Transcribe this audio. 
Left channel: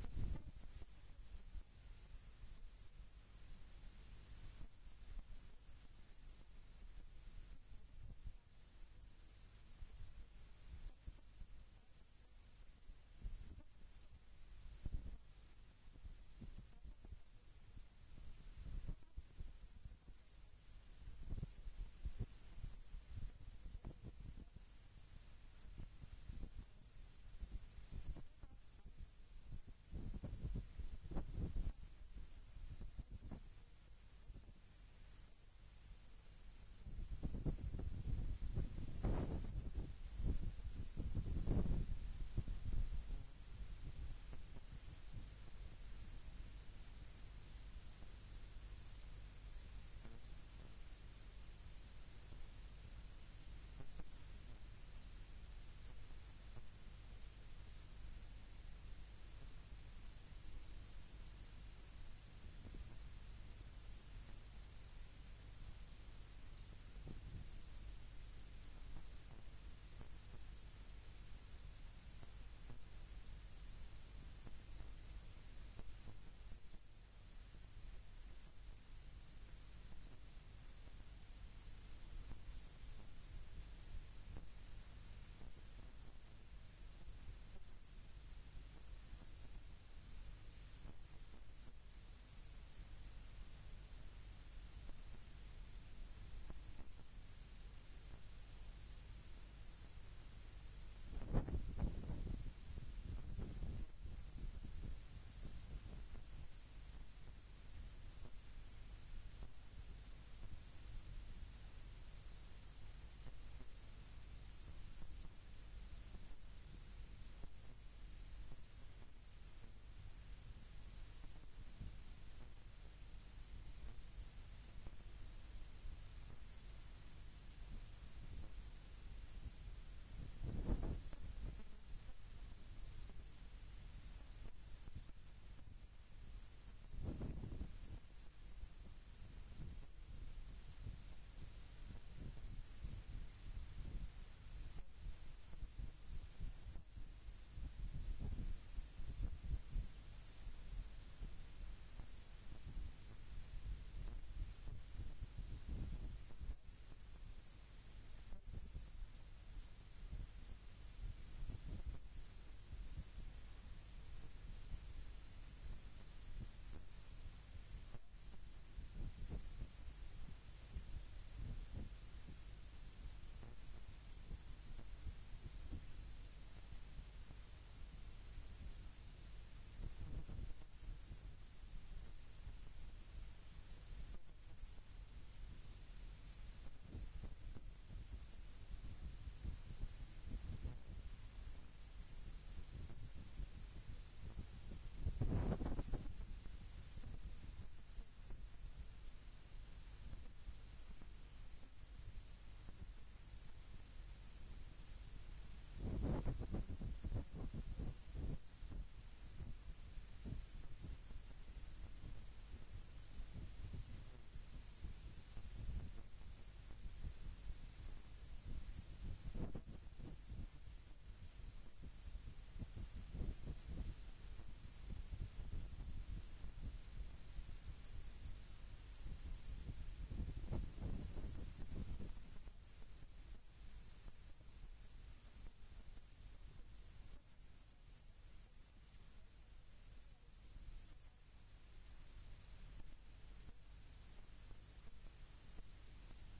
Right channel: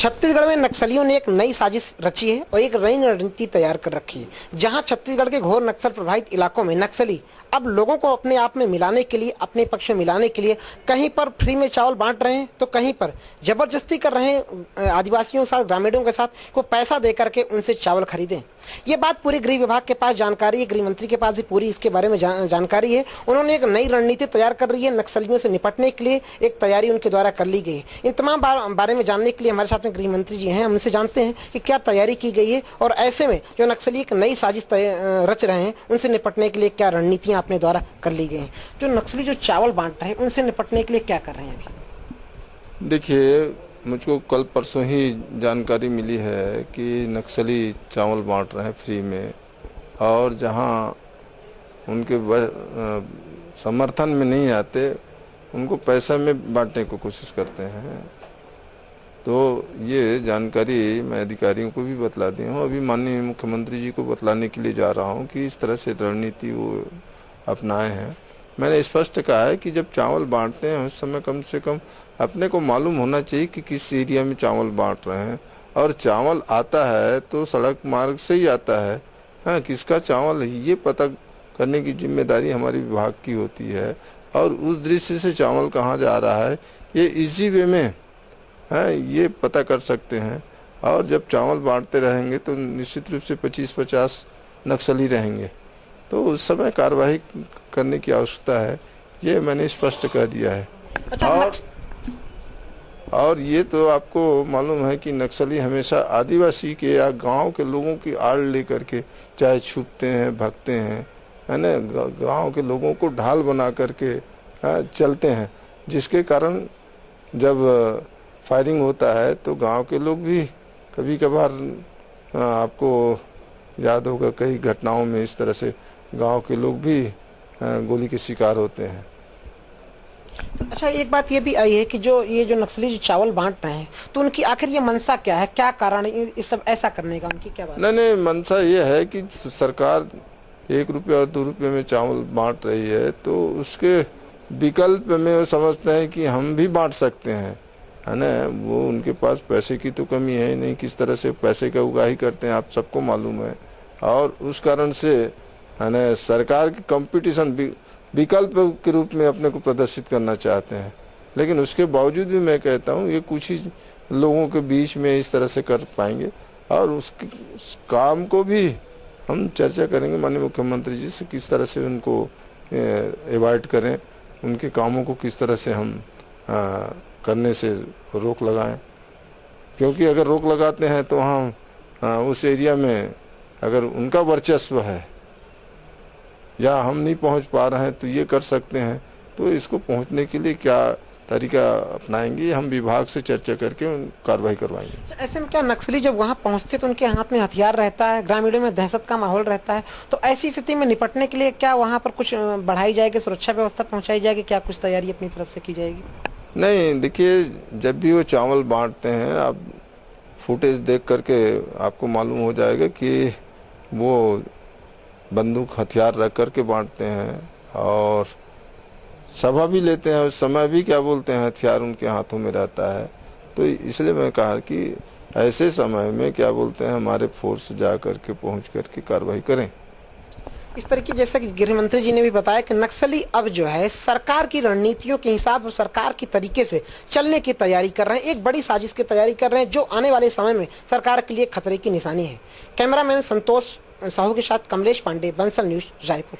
छत्तीसगढ़ में नक्सलियों ने एक नई साजिश रची है और एक नई रणनीति तैयार कर रखी है। जहां छत्तीसगढ़ के घोर नक्सल प्रभावित इलाकों में नक्सली अब लोगों को अपने आप में मिलाने के लिए, अपने पक्ष में मिलाने के लिए कहीं पर फ्री में चावल बांट रहे हैं तो कहीं पर जबरदस्ती कर रहे हैं आदिवासियों के साथ, ग्रामीणों के साथ को पैसा दे करके उनसे चावल खरीदें। ये बात पूरे गृह विभाग के पास जानकारी है, गृह मंत्री के पास भी पूरी इसके बारे में जानकारी है। उन्होंने एक नई रणनीति तैयार कर रही है, नक्सलियों से निपटने के लिए एक तैयारी उनके द्वारा कर ली गई है। इन तमाम बारे में जानने के लिए हमारे साथ में गृह मंत्री जी हैं, हम उनसे जानते हैं कि क्या तैयारी की गई है और ऐसे में जो नक्सली एक नई साजिश रच रहे हैं उनसे निपटने के लिए क्या रणनीतियां अपने द्वारा कर ली गई हैं। जो नक्सली जो चावल बांट रहे हैं उनसे निपटने के लिए क्या कर रहे हैं अभी? देखिए, मुझको कल परसों ही जानकारी मिली है कि नक्सली चावल बांट रहे हैं फ्री में, और जहां उनके समर्थन में नहीं आते उनको पैसा में बांटने को कोशिश करते हैं। तो ये जानकारी मैं अधिकारियों को भी बतला दी हूँ, अभी माननीय मुख्यमंत्री जी को बतलाने के लिए जा रहा हूँ कि इस तरह से रणनीति वो अपनाए हैं। मैंने स्पष्ट कहा है कि जब चावल बांटते हैं उस समय कम से कम अपने को मालूम होना चाहिए कि किस एरिया में चावल बांट रहे हैं, और चावल आता है तो सड़क मार्ग से ही आता है। हाँ, किसका चावल है ये पता करने की जिम्मेदारी हमारी विभाग की होती है, और उस दृष्टि से चावल कहाँ जा रहा है ये इजी वे में ये पता कर सकते हैं। और जब चावल बांटते रहेंगे तो निश्चित रूप से 25-50 नक्सली रहेंगे, तो उस समय कार्रवाई करने की आवश्यकता है, ये मैंने स्पष्ट कह दिया है। अच्छा, और ये तो आपको मालूम है कि नक्सली हमेशा आदिवासी के या गांव के लोगों की आड़ लेकर के चाहे छुपते हैं, भगते हैं, है ना, गांव के लोगों को ढाल बना करके चलते हैं, जिसके कारण जब फायरिंग होता है तो गांव के लोग भी कभी कभार, आपको याद होगा कई घटनाओं में इस तरह से गांव के लोग भी गोली के शिकार होते हैं। अच्छा, एक बात ये भी आई है कि ये जो नक्सली जो चावल बांट रहे हैं तो उनकी आखिर ये मंशा क्या है, क्या कारण इस सब ऐसा करने का, उनकी क्या बात? नहीं, मंशा ये है कि सरकार 1 रुपये और 2 रुपये में चावल बांट रही है, तो उसके विकल्प में वो समझते हैं कि हम भी बांट सकते हैं, है ना। वो उनके पास पैसे की तो कमी है ही नहीं, किस तरह से पैसे का उगाही करते हैं आप सबको मालूम है, और उस कारण से, है ना, सरकार की कंपटीशन विकल्प के रूप में अपने को प्रदर्शित करना चाहते हैं। लेकिन उसके बावजूद भी मैं कहता हूँ ये कुछ ही लोगों के बीच में इस तरह से कर पाएंगे, और उस काम को भी हम चर्चा करेंगे माननीय मुख्यमंत्री जी से, किस तरह से उनको अवॉइड करें, उनके कामों को किस तरह से हम करने से रोक लगाएं। क्योंकि अगर रोक लगाते हैं तो हम उस एरिया में अगर उनका वर्चस्व है या हम नहीं पहुंच पा रहे हैं तो ये कर सकते हैं, तो इसको पहुंचने के लिए क्या तरीका अपनाएंगे हम विभाग से चर्चा करके कार्रवाई करवाएंगे। ऐसे में क्या नक्सली जब वहां पहुंचते तो उनके हाथ में हथियार रहता है, ग्रामीणों में दहशत का माहौल रहता है, तो ऐसी स्थिति में निपटने के लिए क्या वहां पर कुछ बढ़ाई जाएगी, सुरक्षा व्यवस्था पहुंचाई जाएगी, क्या कुछ तैयारी अपनी तरफ से की जाएगी? नहीं, देखिए, जब भी वो चावल बांटते हैं आप फुटेज देख करके आपको मालूम हो जाएगा कि वो बंदूक हथियार रख करके बांटते हैं, और सभा भी लेते हैं, उस समय भी क्या बोलते हैं हथियार उनके हाथों में रहता है। तो इसलिए मैं कहा कि ऐसे समय में क्या बोलते हैं हमारे फोर्स जा करके पहुँच करके कार्रवाई करें। इस तरीके जैसा कि गृह मंत्री जी ने भी बताया कि नक्सली अब जो है सरकार की रणनीतियों के हिसाब और सरकार की तरीके से चलने की तैयारी कर रहे हैं, एक बड़ी साजिश की तैयारी कर रहे हैं जो आने वाले समय में सरकार के लिए खतरे की निशानी है। कैमरामैन संतोष साहू के साथ कमलेश पांडे, बंसल न्यूज़, रायपुर।